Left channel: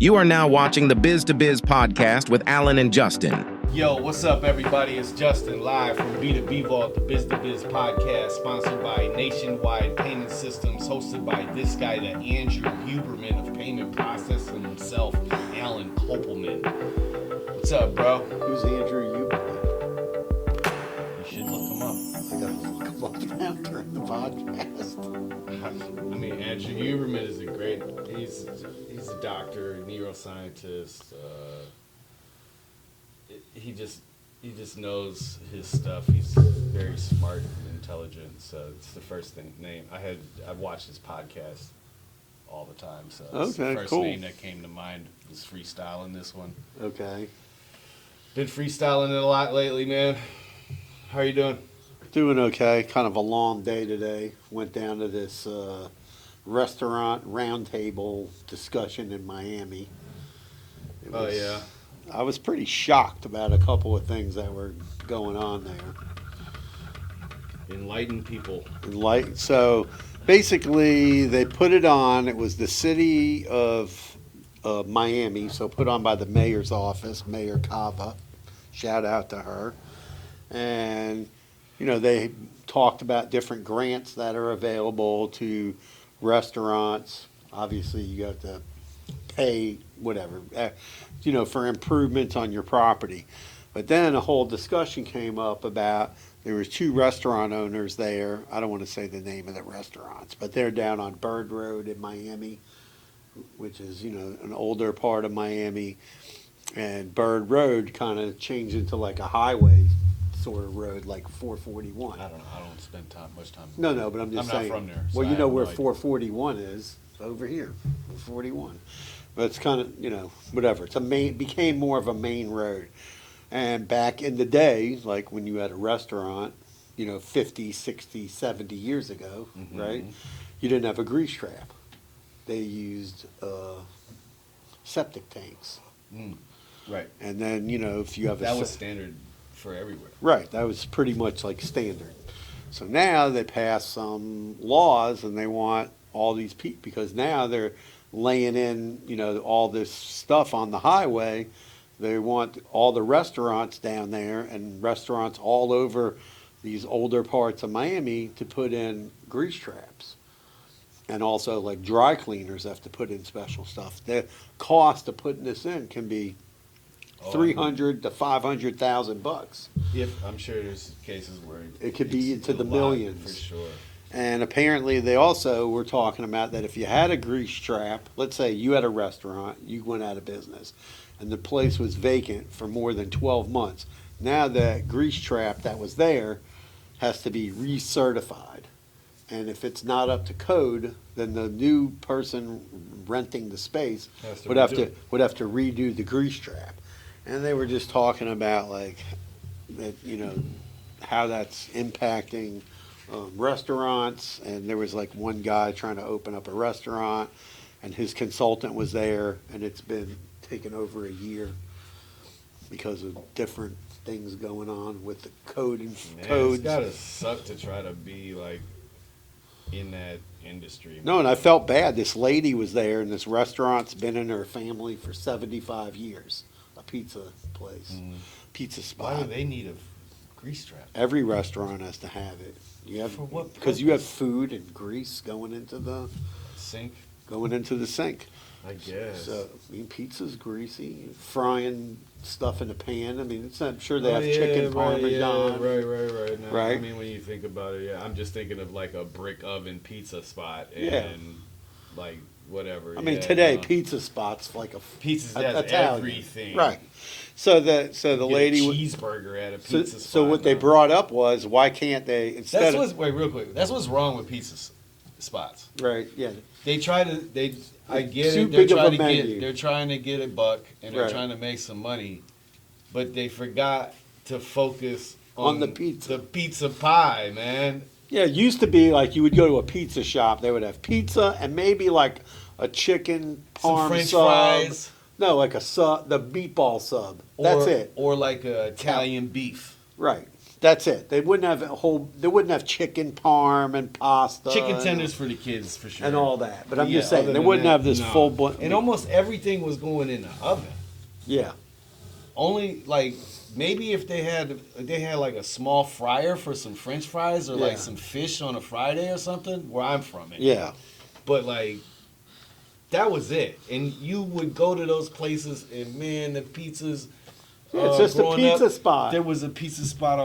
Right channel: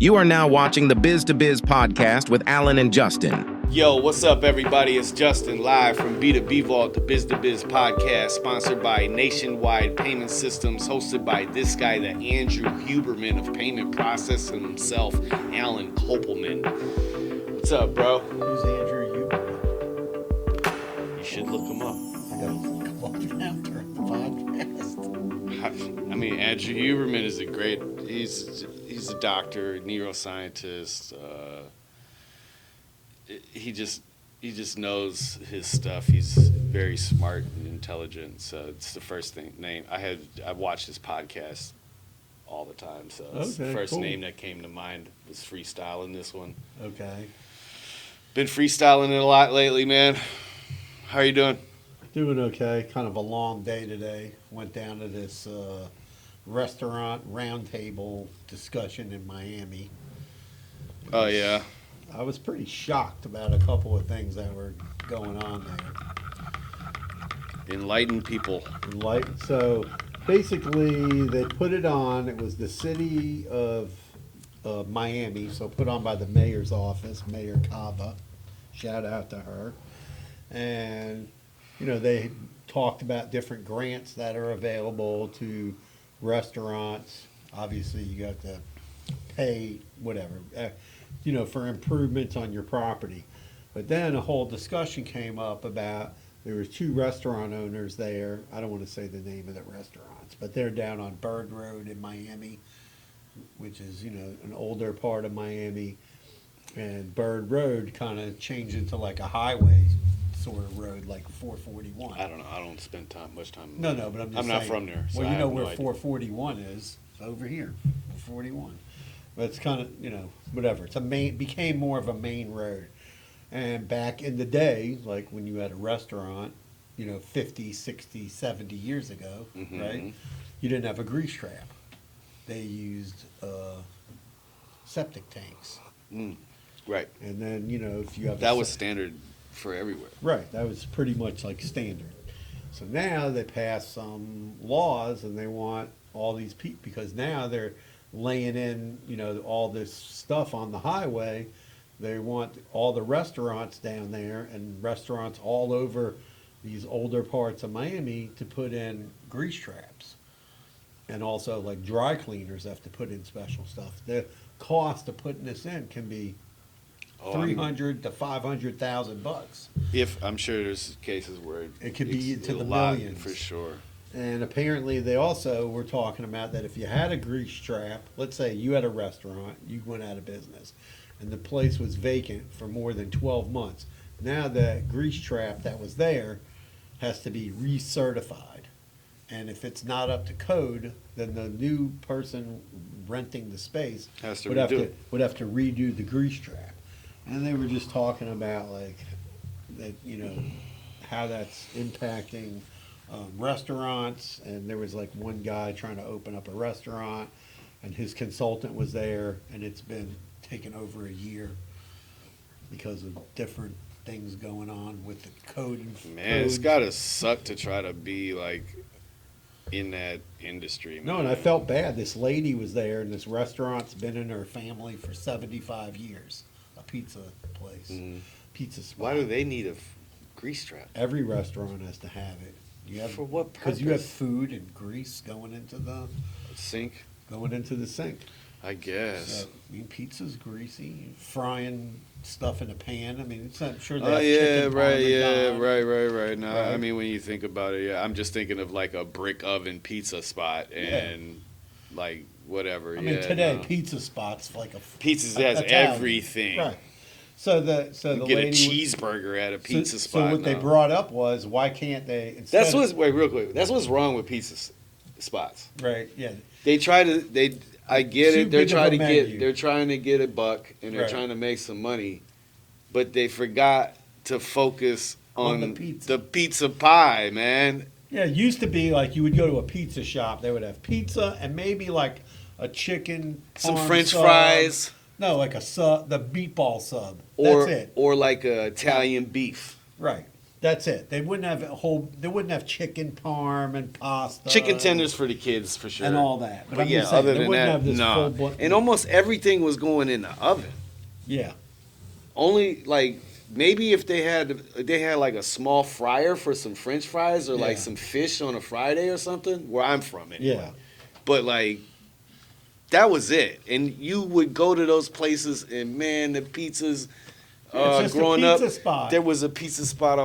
You are now watching the Biz to Biz podcast with Alan and Justin. Yo, what's up, everybody? It's Justin live from B2B Vault, the Biz to Biz podcast, sponsored by Nationwide Payment Systems, hosted by this guy, the Andrew Huberman of payment processing himself, Alan Kopelman. What's up, bro? Who's Andrew Huberman? You should look him up. I gotta look him up now during the podcast. I mean, Andrew Huberman is he's a doctor, neuroscientist. He just knows his stuff. He's very smart and intelligent. So it's the first name I watched his podcast all the time. So it's the first name that came to mind was freestyling this one. Okay. Been freestyling it a lot lately, man. How are you doing? Doing okay. Kind of a long day today. Went down to this restaurant roundtable discussion in Miami. Oh, yeah. I was pretty shocked about a couple of things that were going on there. Enlighten people. So basically, they put it on. It was the city of Miami, so put on by the mayor's office, Mayor Cava. Shout out to her. And, you know, they talked about different grants that are available to restaurants. Obviously, you have to pay whatever, you know, for improvements on your property. But then a whole discussion came up about there was two restaurant owners there. I don't want to say the name of the restaurants, but they're down on Bird Road in Miami, which is, you know, an older part of Miami. And Bird Road kind of changed into like a highway sort of road, like 441. I don't know. I don't spend much time. No, but I'm just saying. I'm not from there. So well, you know where no 441 is, over here, 441. But it's kind of, you know, whatever. Became more of a main road. And back in the day, like when you had a restaurant, you know, 50, 60, 70 years ago, right? You didn't have a grease trap. They used septic tanks. Right. And then, you know, if you have that was standard for everywhere. Right. That was pretty much like standard. So now they passed some laws and they want all these people, because now they're laying in, you know, all this stuff on the highway. They want all the restaurants down there and restaurants all over these older parts of Miami to put in grease traps. And also like dry cleaners have to put in special stuff. The cost of putting this in can be $300,000 to $500,000. If I'm sure there's cases where it could be into the lot, millions for sure. And apparently they also were talking about that if you had a grease trap, let's say you had a restaurant, you went out of business, and the place was vacant for more than 12 months. Now that grease trap that was there has to be recertified. And if it's not up to code, then the new person renting the space would have to redo the grease trap. And they were just talking about like that, you know, how that's impacting restaurants. And there was like one guy trying to open up a restaurant, and his consultant was there, and it's been taken over a year because of different things going on with the code and codes. It's gotta suck to try to be like in that industry, man. No, and I felt bad. This lady was there, and this restaurant's been in her family for 75 years. A pizza place, pizza spot. Why do they need a grease trap? Every restaurant has to have it. For what? Because you have food and grease going into the sink. I guess. So, I mean, pizza's greasy. Frying stuff in a pan. I mean, I'm sure they have chicken parmesan. Right. Now, right? I mean, when you think about it, yeah, I'm just thinking of like a brick oven pizza spot and like whatever. I mean, today pizza spots like a pizza has everything. Right. So the lady a cheeseburger at a pizza spot. So what they brought up was, why can't they? Wait, real quick. That's what's wrong with pizza spots. Right. Yeah. They try to. I get it. They're trying to get a buck, and they're trying to make some money, but they forgot to focus on the pizza pie, man. Yeah, it used to be like you would go to a pizza shop. They would have pizza and maybe like a chicken, some French fries. No, like the meatball sub. That's it. Or like a Italian beef. Right. That's it. They wouldn't have They wouldn't have chicken parm and pasta, Chicken tenders for the kids for sure, and all that. But I'm yeah, just saying other they than wouldn't that, have this nah. full blown. And almost everything was going in the oven. Yeah. Only like maybe if they had like a small fryer for some French fries or Yeah. like some fish on a Friday or something. Where I'm from, it. Yeah. But like that was it. And you would go to those places, and man, the pizzas. It's just a growing pizza up, spot. There was a pizza spot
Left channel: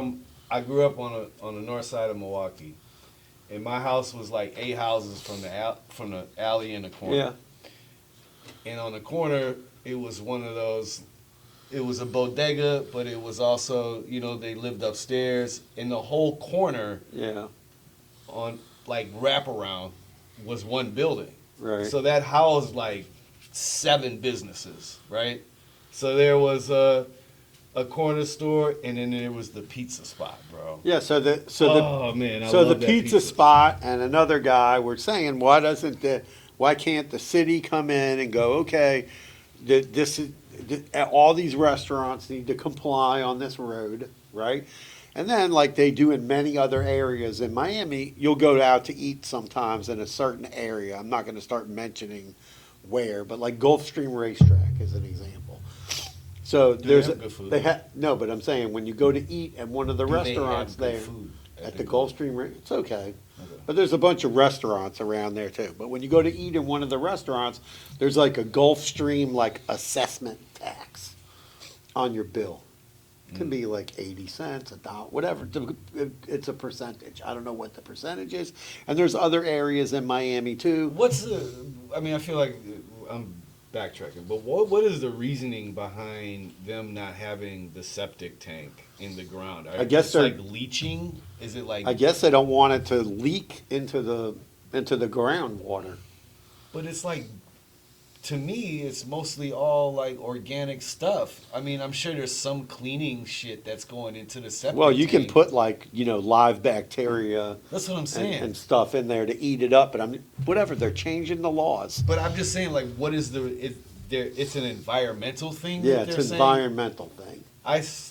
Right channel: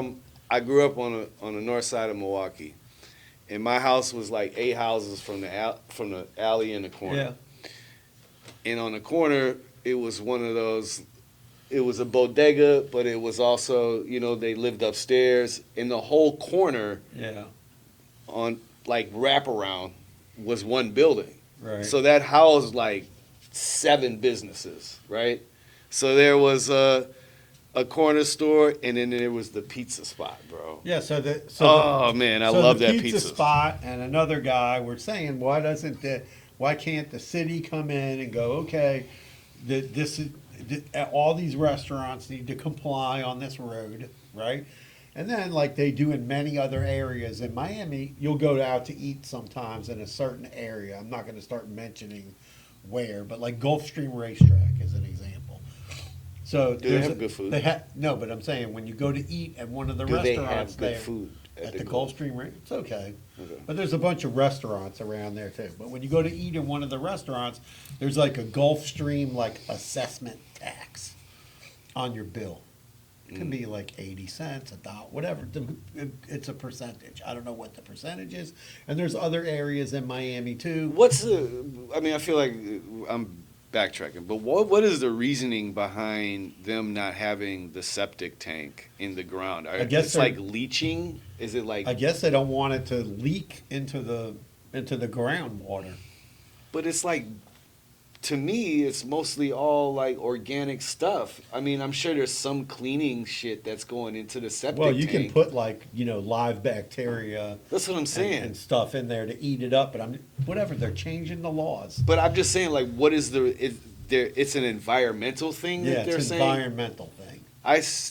I grew up on the north side of Milwaukee, and my house was like 8 houses from the alley in the corner. Yeah. And on the corner, it was one of those. It was a bodega, but it was also, they lived upstairs. And the whole corner Yeah. on like wraparound was one building. Right. So that housed like 7 businesses, right? So there was a corner store, and then there was the pizza spot, bro. Yeah. Oh man, I so love the that pizza spot and another guy were saying, why can't the city come in and go, okay, all these restaurants need to comply on this road, right? And then, like they do in many other areas in Miami, you'll go out to eat sometimes in a certain area. I'm not going to start mentioning where, but like Gulfstream Racetrack is an example. So Do they have good food? No, but I'm saying when you go to eat at one of the Do they restaurants have good there food at the Gulfstream, it's okay. But there's a bunch of restaurants around there too. But when you go to eat in one of the restaurants, there's like a Gulfstream like assessment tax on your bill. It can be like 80 cents, $1, whatever. It's a percentage. I don't know what the percentage is. And there's other areas in Miami too. I feel like I'm backtracking, but what is the reasoning behind them not having the septic tank in the ground? I guess it's like leaching. Is it like? I guess they don't want it to leak into the groundwater. But it's like, to me, it's mostly all like organic stuff. I mean, I'm sure there's some cleaning shit that's going into the septic. Well, you can tank. put like live bacteria. That's what I'm saying. And stuff in there to eat it up. But whatever. They're changing the laws. But I'm just saying, like, what is it's an environmental thing. Yeah, that they're it's an saying? environmental thing.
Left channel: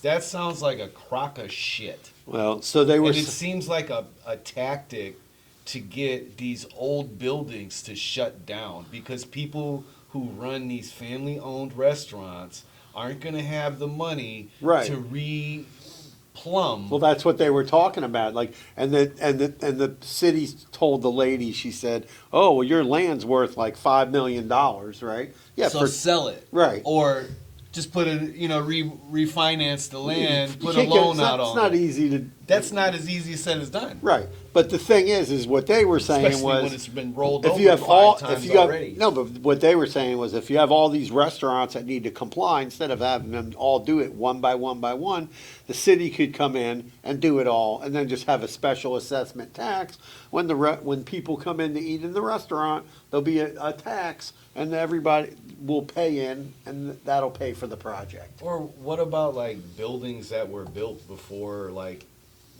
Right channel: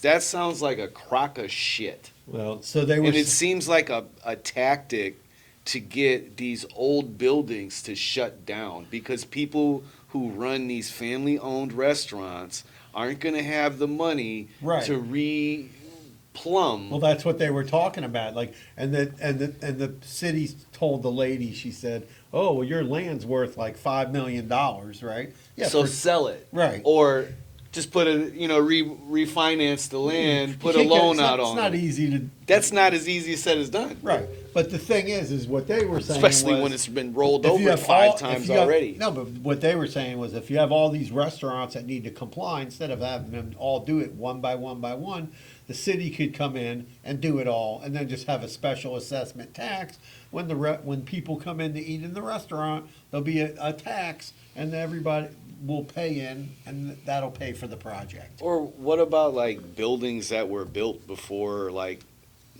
That sounds like a crock of shit. Well, so they were. And it seems like a tactic to get these old buildings to shut down, because people who run these family-owned restaurants aren't going to have the money Right. to re-plumb. Well, that's what they were talking about. Like, and the city told the lady. She said, "Oh, well, your land's worth like $5 million, right? Yeah, so sell it, right. Or just put refinance the land, You put a can't get- loan it's out not, on It's not it. easy to. That's not as easy said as done. Right. But the thing is what they were saying Especially was, when it's been rolled if over you have 5 times already. No, but what they were saying was if you have all these restaurants that need to comply, instead of having them all do it one by one, the city could come in and do it all, and then just have a special assessment tax. When people come in to eat in the restaurant, there'll be a tax, and everybody will pay in, and that'll pay for the project. Or what about like buildings that were built before like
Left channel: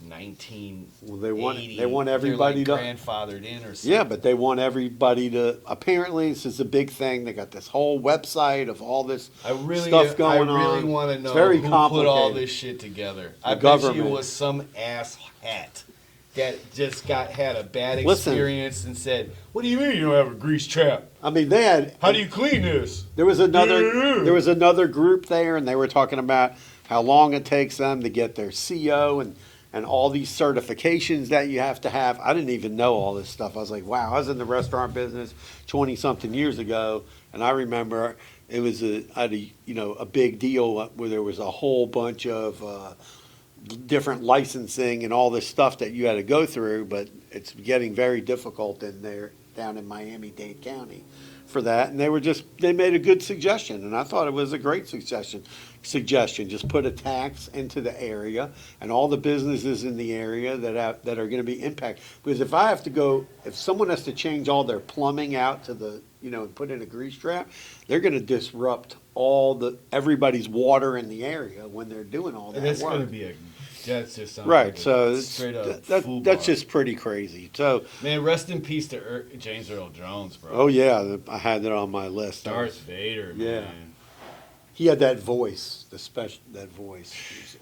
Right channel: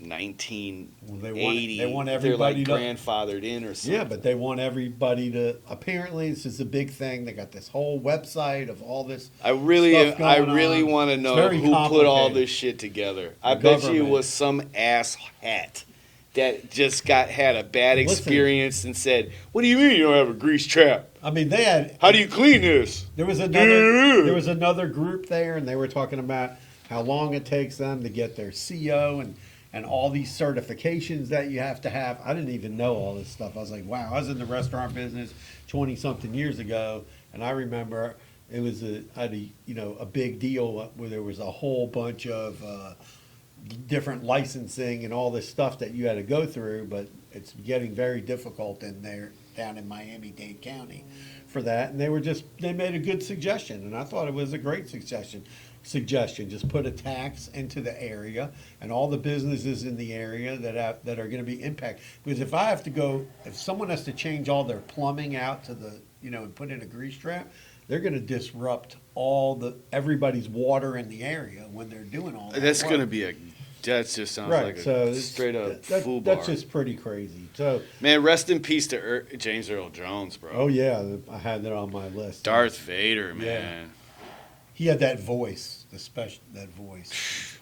1980? Well, they want everybody They're, to like grandfathered in or something. Yeah, but they want everybody to. Apparently, this is a big thing. They got this whole website of all this. I really stuff going on. want to It's know very who put all complicated. this shit together. I The bet you it government. was some ass hat that just had a bad Listen. experience and said, "What do you mean you don't have a grease trap? I mean, they had. How do you clean this?" There was another group there, and they were talking about how long it takes them to get their CO and all these certifications that you have to have. I didn't even know all this stuff. I was like, wow, I was in the restaurant business 20-something years ago, and I remember it was a big deal where there was a whole bunch of different licensing and all this stuff that you had to go through, but it's getting very difficult down in Miami-Dade County for that. And they made a good suggestion, and I thought it was a great suggestion. Just put a tax into the area and all the businesses in the area that are going to be impacted. Because if someone has to change all their plumbing out to and put in a grease trap, they're going to disrupt everybody's water in the area when they're doing all that. That's work. going to be that just sounds Right, like so a straight up foo that's bar. just pretty crazy. So, Man, rest in peace to James Earl Jones, bro. oh yeah, I had that on my list. Darth Vader, man. Yeah. He had that voice, that voice.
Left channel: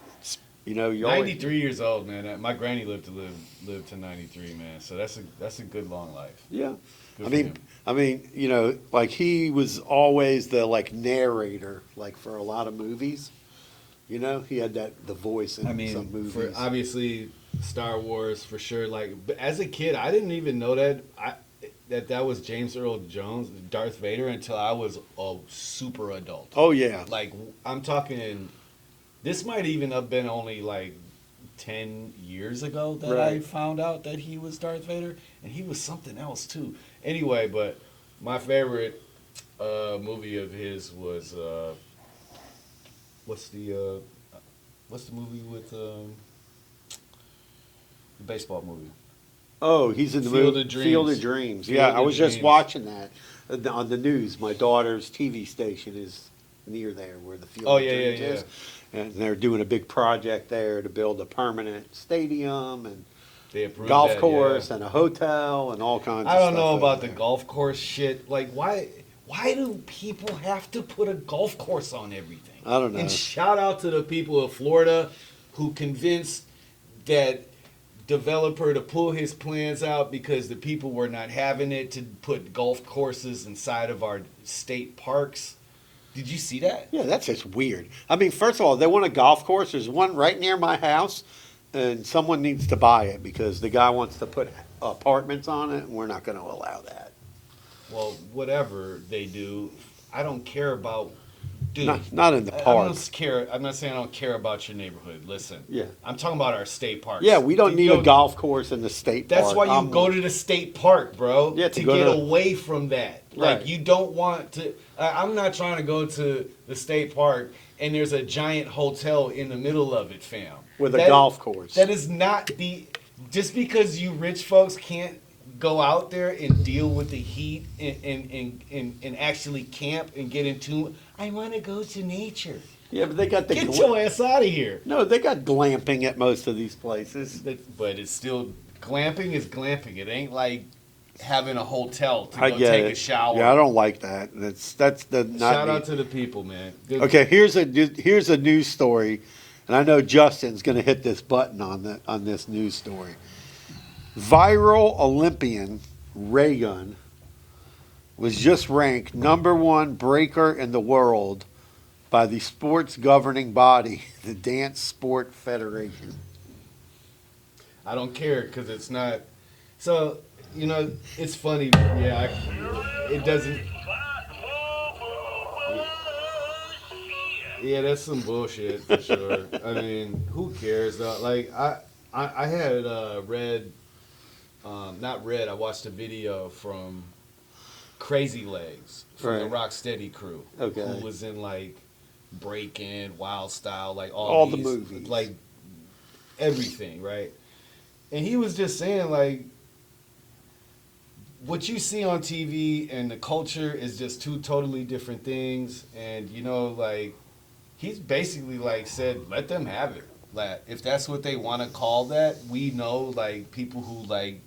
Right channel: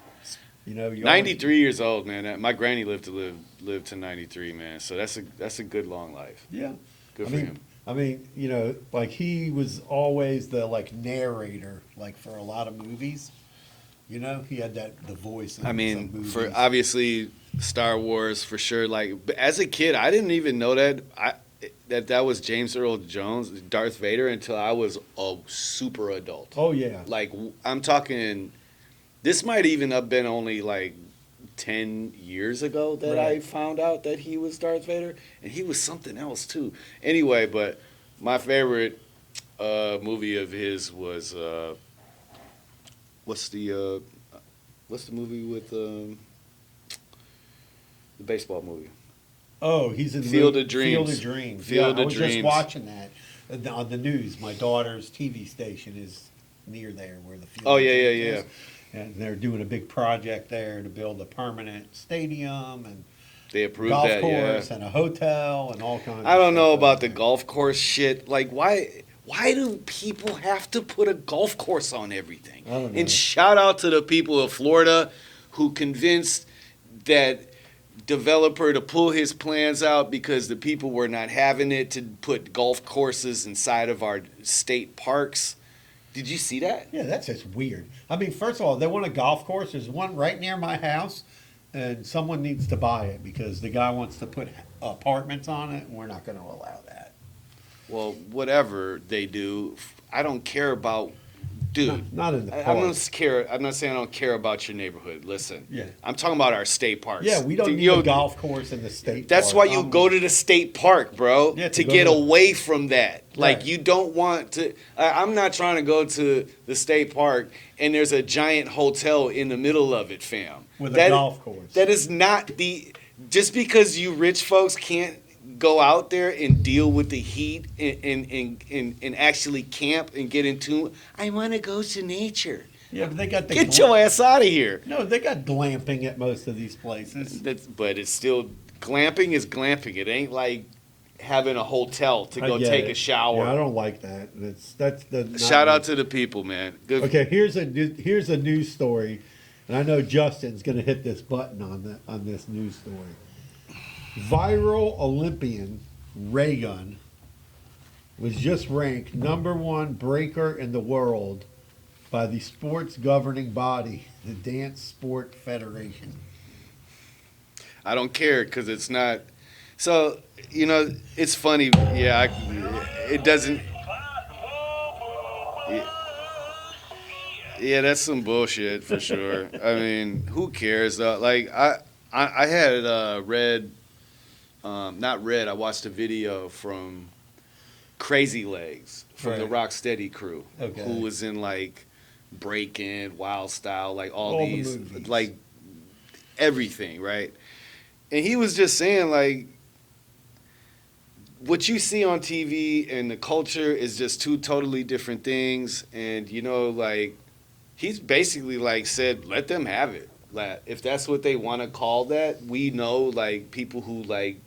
You know, you always- 93 years old, man. My granny lived to 93, man. So that's a good long life. Yeah. Good I for mean, him. you know, like he was always the like narrator, like for a lot of movies. You know, he had the voice in I some mean, movies. for obviously Star Wars for sure. Like, but as a kid, I didn't even know that was James Earl Jones, Darth Vader, until I was a super adult. Oh yeah. Like, I'm talking. This might even have been only like 10 years ago that I Right. found out that he was Darth Vader, and he was something else too. Anyway, but my favorite movie of his was what's the movie with the baseball movie? Oh, he's in the Field movie of Dreams. Field of Dreams. Field yeah, of I was just Dreams. watching that on the news. My daughter's TV station is near there where the Field Oh, of yeah, Dreams yeah, is. And they're doing a big project there to build a permanent stadium and They approved golf that, course yeah. and a hotel and all kinds. I of don't stuff know out about the there. golf course shit. Like, why do people have to put a golf course on everything? I don't know. And shout out to the people of Florida who convinced that developer to pull his plans out because the people were not having it to put golf courses inside of our state parks. Did you see that? Yeah, that's just weird. I mean, first of all, they want a golf course. There's one right near my house, and someone needs to buy it because the guy wants to put apartments on it, and we're not going to allow that. Well, whatever they do, I don't care about. Dude, Not in the I park. don't care. I'm not saying I don't care about your neighborhood. Listen, Yeah. I'm talking about our state parks. Yeah, we don't Dude, need yo, a golf course in the state That's park. why you go to the state park, bro. Yeah, to to go get to- away from that. Like Right. you don't want to. I'm not trying to go to the state park and there's a giant hotel in the middle of it, fam. With a golf course. That is not the. Just because you rich folks can't go out there and deal with the heat and actually camp and get into. I want to go to nature. Yeah, but they got the Get your ass out of here. No, they got glamping at most of these places. But it's still glamping is glamping. It ain't like having a hotel to I go get take it. a shower. Yeah, I don't like that. That's the not Shout me. out to the people, man. Good. Okay, here's a news story, and I know Justin's going to hit this button on this news story. Viral Olympian Ray Gun was just ranked #1 breaker in the world by the sports governing body, the Dance Sport Federation. I don't care because it's not. So it's funny. Yeah, it doesn't. Yeah, that's some bullshit for sure. I mean, who cares though? Like I had read, not read. I watched a video from Crazy Legs from the Right. Rocksteady crew, Okay. who was in like Breaking, Wild Style, like All the these, movies. like everything, right? And he was just saying like, what you see on TV and the culture is just two totally different things, and like. He's basically like said, let them have it. Like, if that's what they want to call that, we know like people who like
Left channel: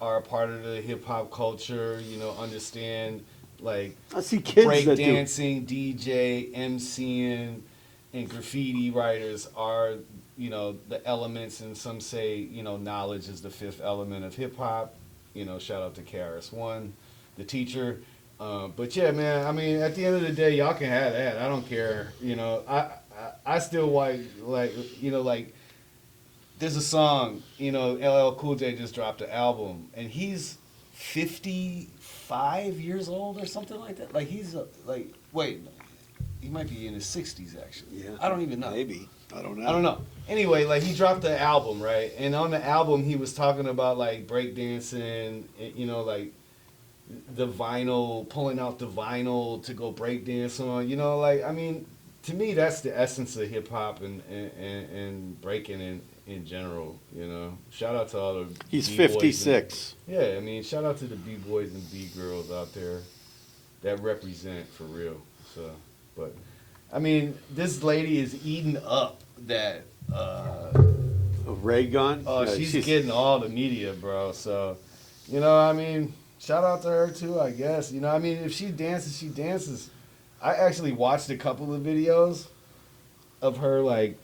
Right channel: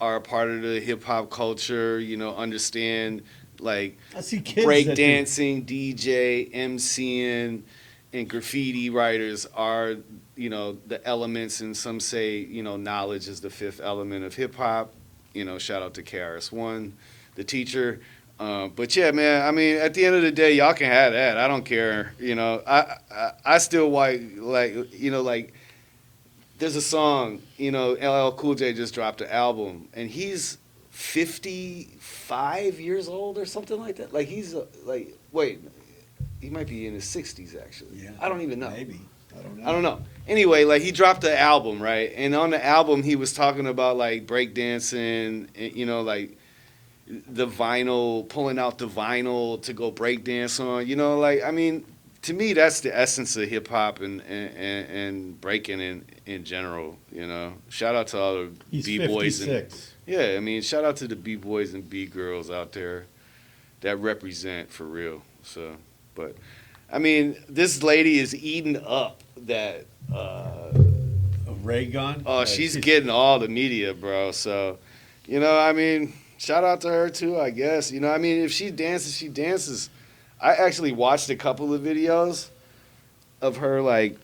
are a part of the hip hop culture, understand like I see kids break that do- dancing, DJ, MCing, and graffiti writers are the elements, and some say knowledge is the fifth element of hip hop. Shout out to KRS-One, the teacher. But yeah, man. I mean, at the end of the day, y'all can have that. I don't care. I still like there's a song. LL Cool J just dropped an album, and he's 55 years old or something like that. Like he's he might be in his 60s actually. Yeah. I don't even know. Maybe. I don't know. I don't know. Anyway, like he dropped the album, right? And on the album, he was talking about like breakdancing, like the vinyl, pulling out the vinyl to go breakdance on. Like I mean, to me, that's the essence of hip hop and breaking in general. Shout out to all the He's B-boys 56. yeah, I mean, shout out to the B-boys and B-girls out there that represent for real. So, but I mean, this lady is eating up that. A ray gun? Oh, No, she's getting all the media, bro. So, I mean, shout out to her too, I guess. I mean, if she dances, she dances. I actually watched a couple of videos of her, like,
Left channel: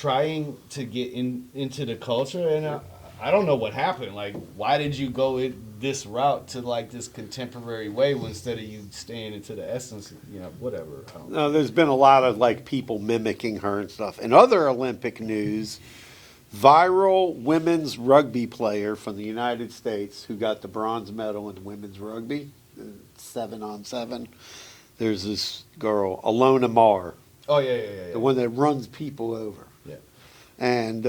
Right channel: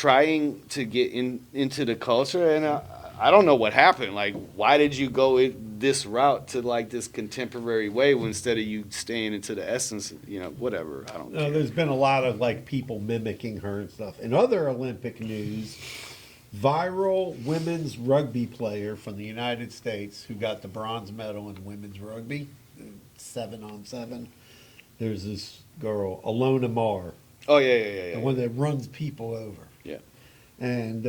trying to get into the culture, and I don't know what happened. Like, why did you go this route to like this contemporary way instead of you staying into the essence? You know, whatever. I don't. No, there's been a lot of like people mimicking her and stuff. In other Olympic news, viral women's rugby player from the United States who got the bronze medal in women's rugby, 7-on-7. There's this girl, Alona Mar, Oh yeah. the one that runs people over. Yeah. And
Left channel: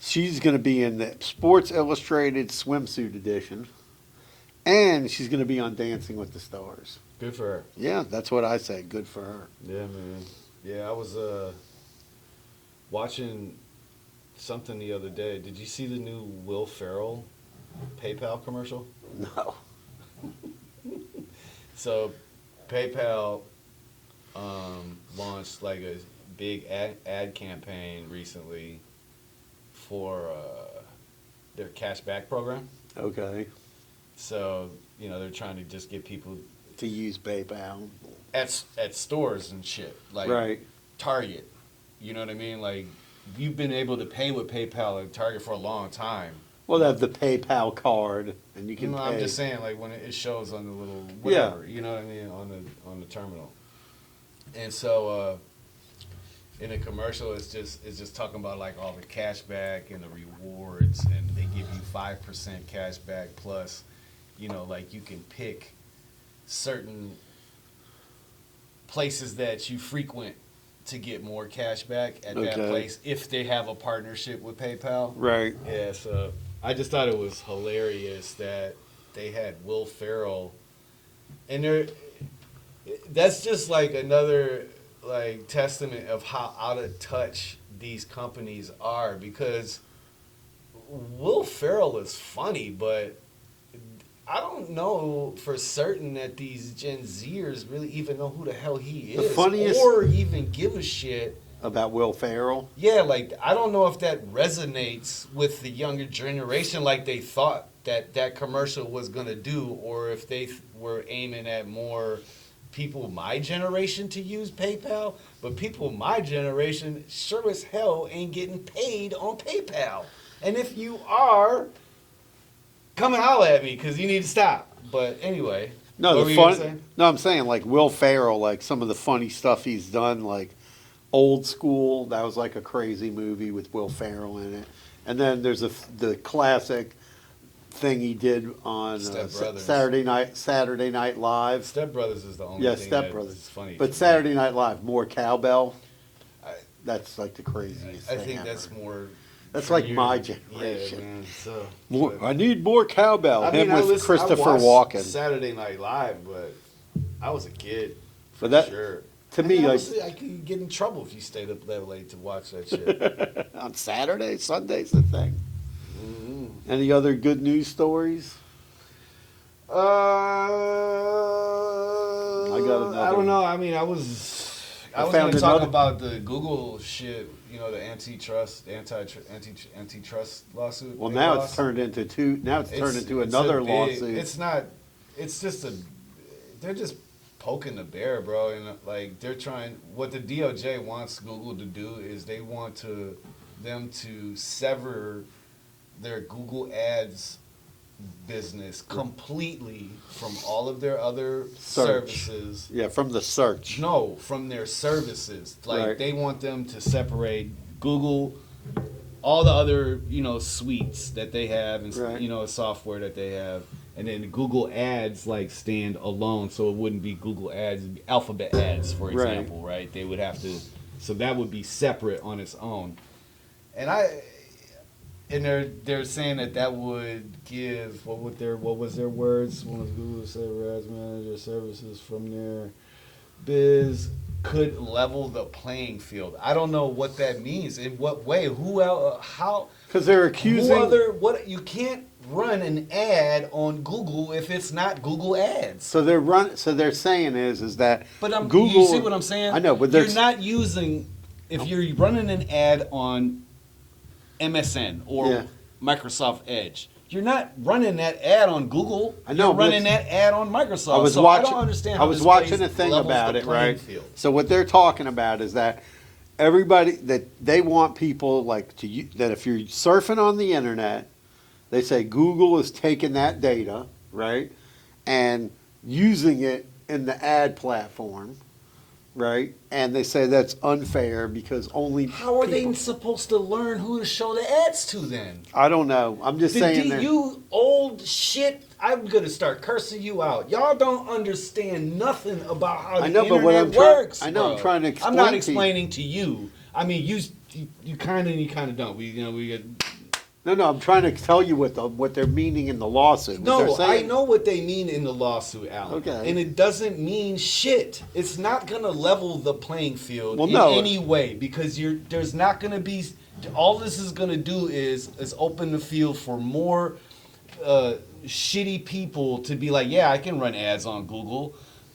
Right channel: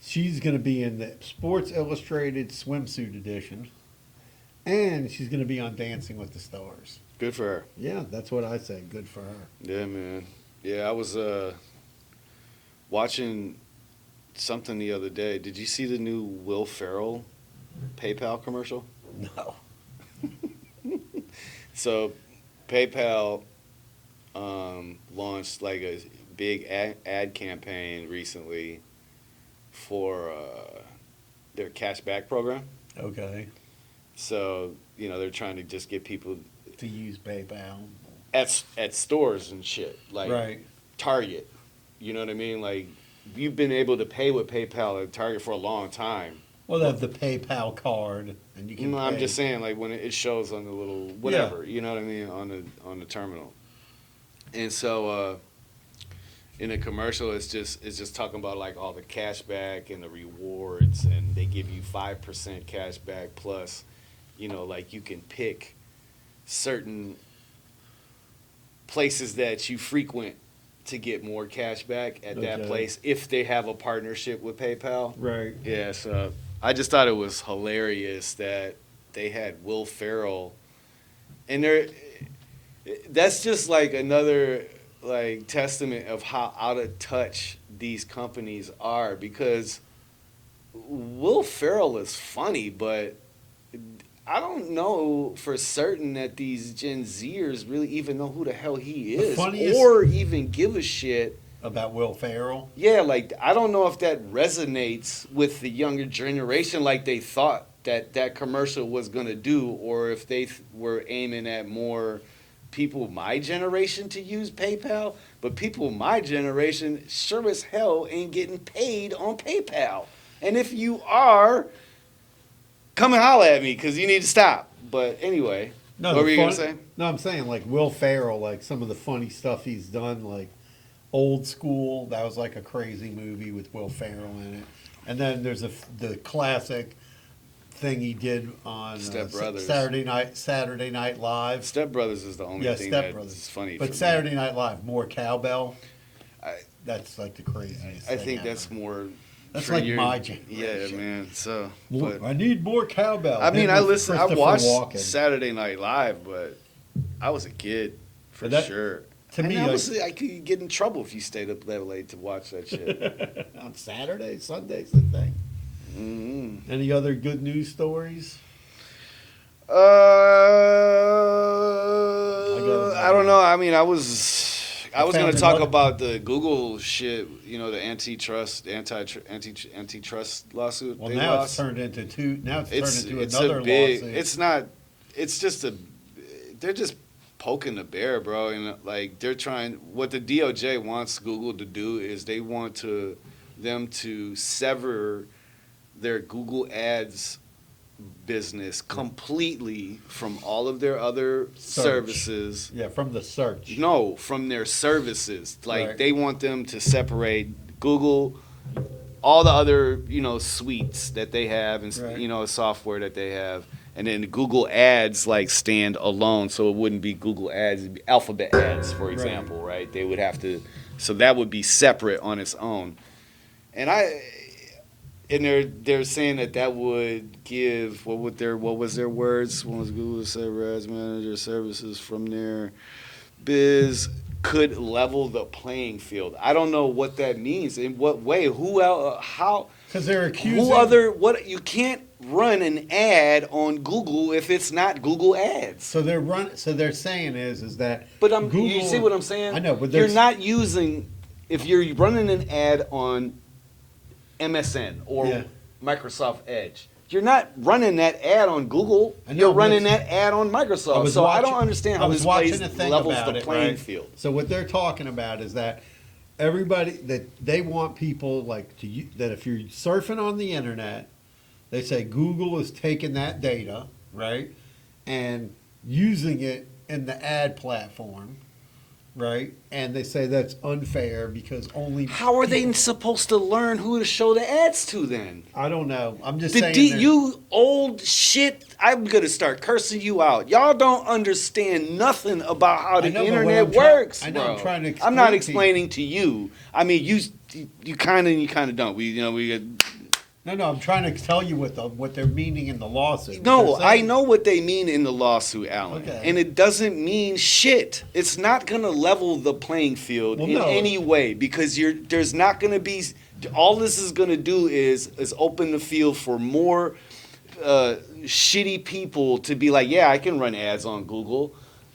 she's going to be in the Sports Illustrated swimsuit edition, and she's going to be on Dancing with the Stars. Good for her. Yeah, that's what I say. Good for her. Yeah, man. Yeah, I was watching something the other day. Did you see the new Will Ferrell PayPal commercial? No. So, PayPal launched like a big ad campaign recently for their cashback program. Okay. So, you know, they're trying to just get people To use PayPal. at stores and shit, like Right. Target. You know what I mean? Like, you've been able to pay with PayPal at Target for a long time. Well, they have the PayPal card, and you can No, pay. I'm just saying, like when it shows on the little whatever, you know what I mean, on the terminal. And so in the commercial, it's just talking about like all the cash back and the rewards, and they give you 5% cash back plus, you know, like you can pick certain places that you frequent to get more cash back at that Okay. place if they have a partnership with PayPal. Right. Yeah, so I just thought it was hilarious that they had Will Ferrell, and that's just like another like testament of how out of touch these companies are, because Will Ferrell is funny, but I don't know for certain that these Gen Zers really even know who the hell he The is, funniest- or even give a shit. About Will Ferrell. Yeah, like I don't know if that resonates with the younger generation like they thought that commercial was going to do, or if they were aiming at more people my generation to use PayPal. But people my generation sure as hell ain't getting paid on PayPal. And if you are, come and holler at me because you need to stop. But anyway, No, what were the you fun, going to say? No, I'm saying like Will Ferrell, like some of the funny stuff he's done, like Old School. That was like a crazy movie with Will Ferrell in it. And then there's the classic thing he did on Step Brothers. Saturday Night Live. Step Brothers is the only Yeah, thing Step Brothers. that's funny. But for me. Saturday Night Live, more cowbell. I- That's like the craziest. I thing think ever. that's more. That's for like your- my Yeah, generation. man. So More, but- I need more cowbell. I mean, Him I with listened. I Christopher watched Walken. Saturday Night Live, but I was a kid for But that- sure. to And me, like- honestly, I could get in trouble if you stayed up that late to watch that shit. On Saturday, Sunday's the thing. Mm-hmm. Any other good news stories? I don't know. I mean, I was found going to talk another- about the Google shit. You know, the antitrust lawsuit. Well, they now lost. it's turned into It's another a big, lawsuit. It's not. It's just a. They're just poking the bear, bro. And like they're trying. What the DOJ wants Google to do is they want them to sever their Google Ads business completely from all of their other Search. services. Yeah, from the search. No, from their services. Like Right. they want them to separate Google, all the other suites that they have, and Right. software that they have, and then Google Ads like stand alone. So it wouldn't be Google Ads, it'd be Alphabet Ads, for Right. example, right? They would have to. So that would be separate on its own, and they're saying that would give what was their words? One was Google Server Ads Manager services from their biz could level the playing field. I don't know what that means. In what way? Who else? How? Because they're accusing. What? You can't run an ad on Google if it's not Google Ads. So they're saying is that. But Google. you see what I'm saying? I know, but you're there's not using. If you're running an ad on MSN or Yeah. Microsoft Edge, you're not running that ad on Google. I know, You're running but that ad on Microsoft. I was so watching. I don't understand how I was this watching plays a thing levels about the it. playing Right. field. So what they're talking about is that everybody that they want people like that if you're surfing on the internet, they say Google is taking that data, right, and using it in the ad platform, right, and they say that's unfair because only How are they people- supposed to learn who to show the ads to then? I don't know. I'm just The saying. you old shit. I'm gonna start cursing you out. Y'all don't understand nothing about how the I know, but what internet I'm try- works. I know, I'm bro. trying to I'm explain not to you. explaining to you. I mean, you kind of don't. We get. No, I'm trying to tell you what they're meaning in the lawsuit. What No, they're I saying- know what they mean in the lawsuit, Alan. Okay. And it doesn't mean shit. It's not going to level the playing field Well, in no. any way because there's not going to be all this is going to do is open the field for more shitty people to be like, yeah, I can run ads on Google.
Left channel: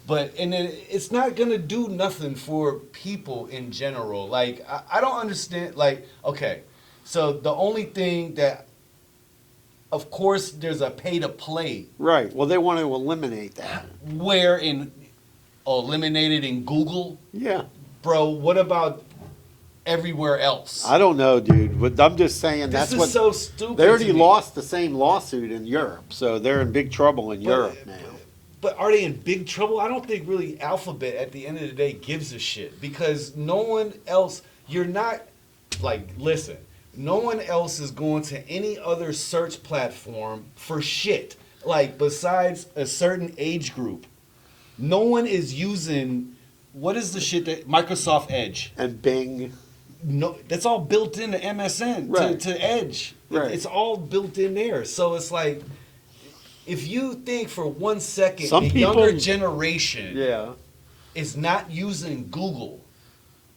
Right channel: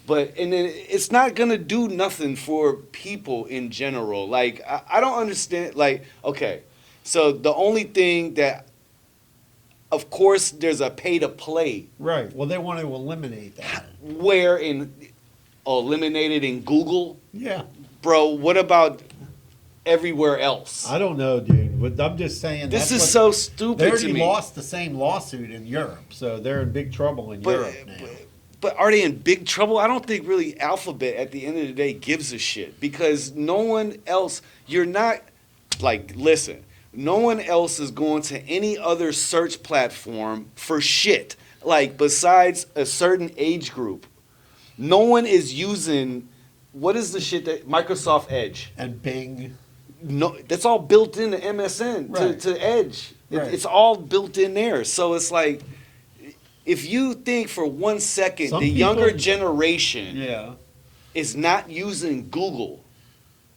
And then it's not going to do nothing for people in general. Like I don't understand like okay. So the only thing that, of course, there's a pay to play. Right. Well, they want to eliminate that. Where eliminated in Google, Yeah. bro. What about everywhere else? I don't know, dude. But I'm just saying This that's is what so stupid. they already to me. lost the same lawsuit in Europe, so they're in big trouble in Europe now. But are they in big trouble? I don't think really Alphabet at the end of the day gives a shit because no one else. You're not like listen. No one else is going to any other search platform for shit. Like besides a certain age group, no one is using. What is the shit that Microsoft Edge? And Bing. No, that's all built into MSN Right. to Edge. Right. It's all built in there. So it's like, if you think for 1 second Some the people- younger generation Yeah. is not using Google,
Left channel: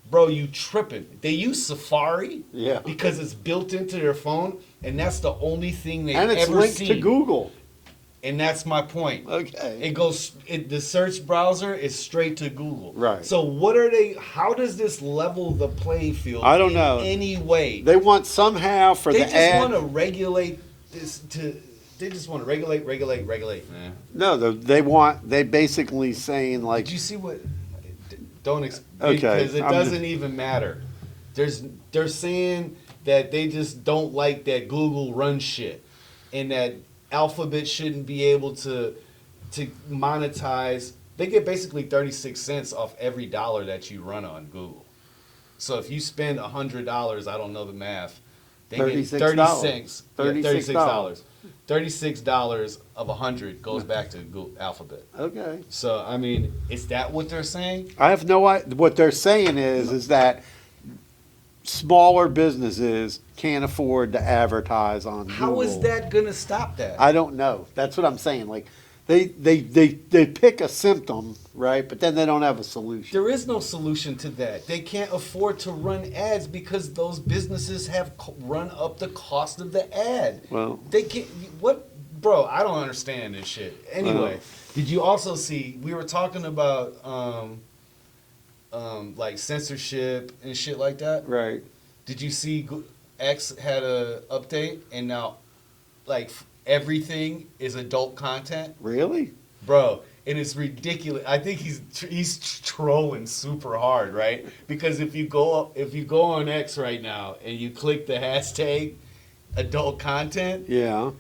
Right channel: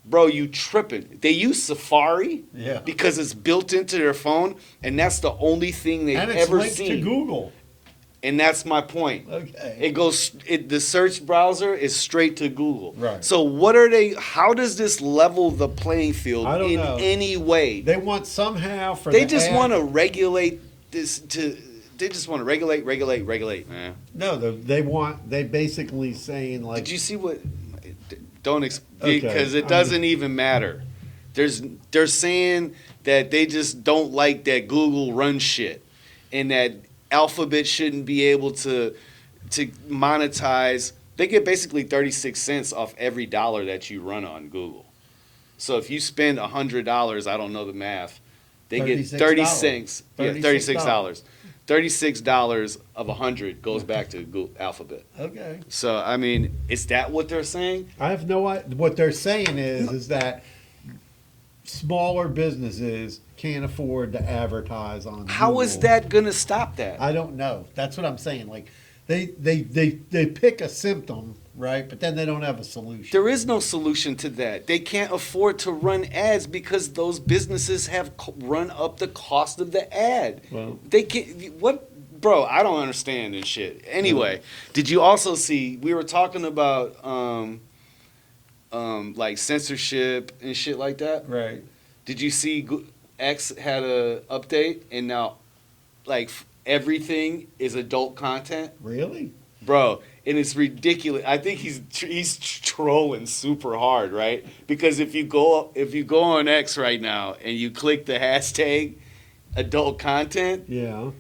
bro, you tripping. They use Safari Yeah. because it's built into their phone, and that's the only thing they've And it's ever linked seen. to Google. And that's my point. Okay. It goes. The search browser is straight to Google. Right. So what are they? How does this level the playing field? I don't in know. any way. They want somehow for They the just ad- want to regulate this to. They just want to regulate, man. No, they basically saying like Did you see what? Don't Okay, because it I'm doesn't even matter. They're saying that they just don't like that Google runs shit, and that Alphabet shouldn't be able to monetize. They get basically 36 cents off every dollar that you run on Google. So if you spend $100, I don't know the math, they get 30 cents. $36. $36 of 100 goes back to Google Alphabet. okay. So I mean, is that what they're saying? I have no idea. What they're saying is that smaller businesses can't afford to advertise on How is Google. that gonna stop that? I don't know. That's what I'm saying. Like they pick a symptom, right? But then they don't have a solution. There is no solution to that. They can't afford to run ads because those businesses have run up the cost of the ad. Well- they can't. What, bro? I don't understand this shit. Anyway, did you also see? We were talking about like censorship and shit like that. Right. Did you see X had a update and now, like everything is adult content? Really? Bro, and it's ridiculous. I think he's trolling super hard, right? Because if you go on X right now and you click the hashtag adult content, Yeah.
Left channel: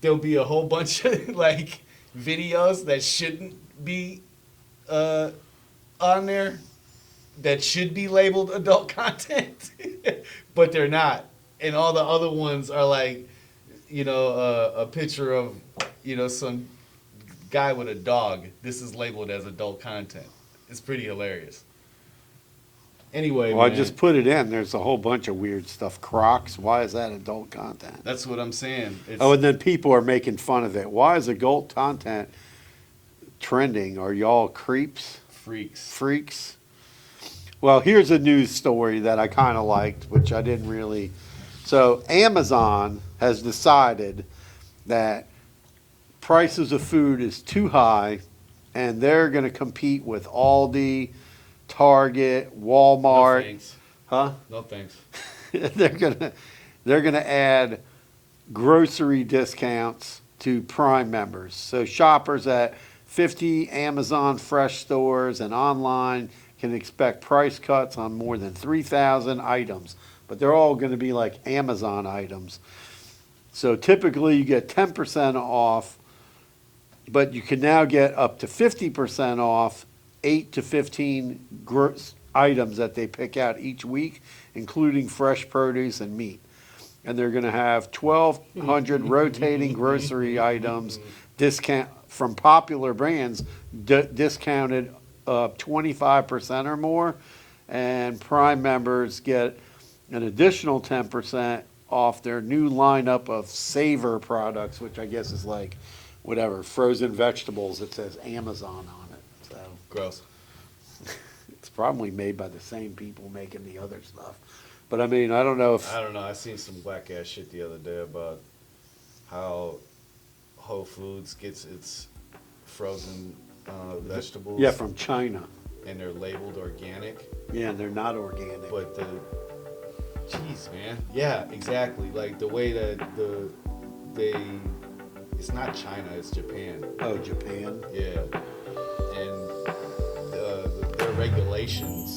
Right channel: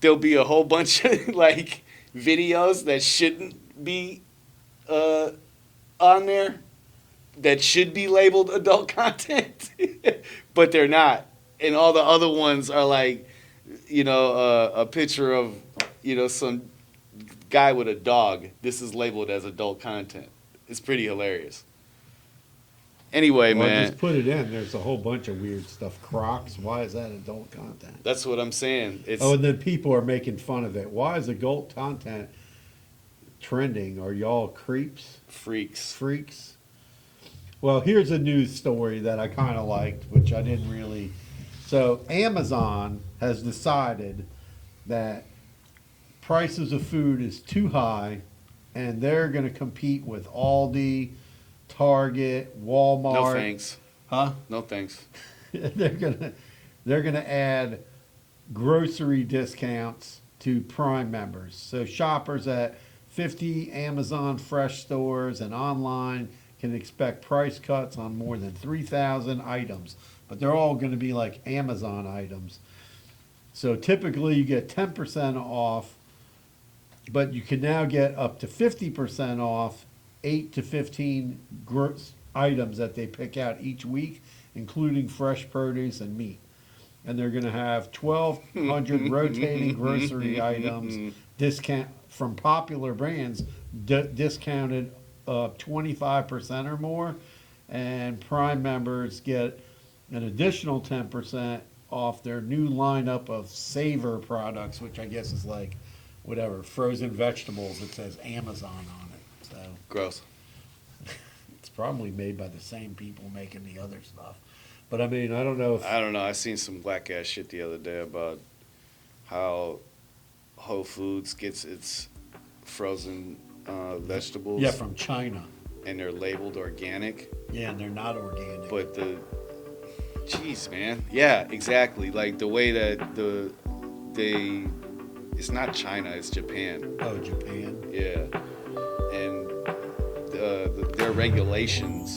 there'll be a whole bunch of like videos that shouldn't be on there that should be labeled adult content, but they're not. And all the other ones are like, a picture of, some guy with a dog. This is labeled as adult content. It's pretty hilarious. Anyway, Well, man, I just put it in. There's a whole bunch of weird stuff. Crocs. Why is that adult content? that's what I'm saying. It's, Oh, and then people are making fun of it. Why is adult content trending? Are y'all creeps? Freaks? Well, here's a news story that I kind of liked, which I didn't really. So Amazon has decided that prices of food is too high, and they're going to compete with Aldi, Target, No Walmart. thanks. Huh? No thanks. they're gonna add grocery discounts to Prime members. So shoppers at 50 Amazon Fresh stores and online can expect price cuts on more than 3,000 items, but they're all going to be like Amazon items. So typically you get 10% off, but you can now get up to 50% off 8 to 15 items that they pick out each week, including fresh produce and meat. And they're going to have 1,200 rotating grocery items discount from popular brands discounted 25% or more, and Prime members get an additional 10% off their new lineup of Savor products, which I guess is like whatever frozen vegetables that says Amazon on it. So Gross. it's probably made by the same people making the other stuff. But I mean, I don't know if I don't know. I seen some whack ass shit the other day about how Whole Foods gets its frozen vegetables. yeah, from China. And they're labeled organic. Yeah, and they're not organic. But jeez, man. Yeah, exactly. Like the way that it's not China, it's Japan. Oh, Japan. Yeah. And their regulations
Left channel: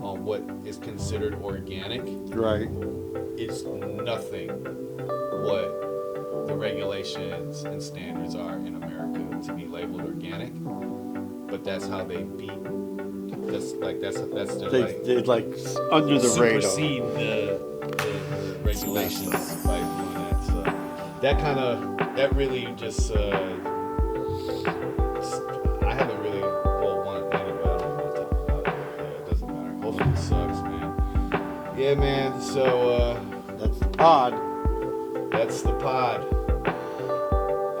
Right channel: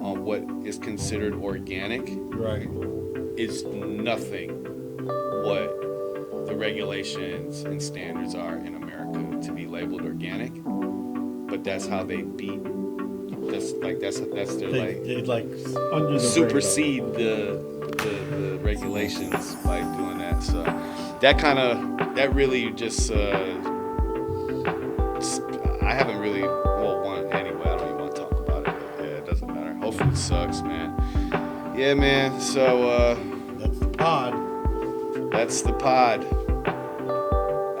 on what is considered organic Right. is nothing what the regulations and standards are in America to be labeled organic. But that's how they beat. That's their They like under the supersede the regulations by doing that. So that really just I haven't really anyway. I don't even want to talk about it. Yeah, it doesn't matter. Whole Foods sucks, man. Yeah, man. So That's the pod. that's the pod,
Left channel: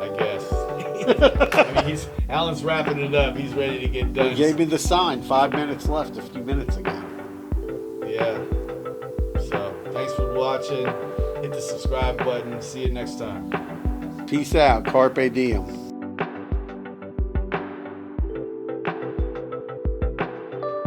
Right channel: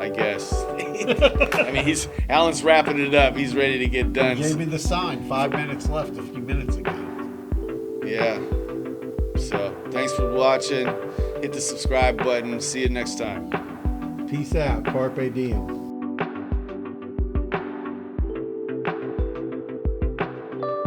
I guess. I mean, Alan's wrapping it up. He's ready to get done. He gave me the sign. 5 minutes left a few minutes ago. Yeah. So, thanks for watching. Hit the subscribe button. See you next time. Peace out. Carpe diem.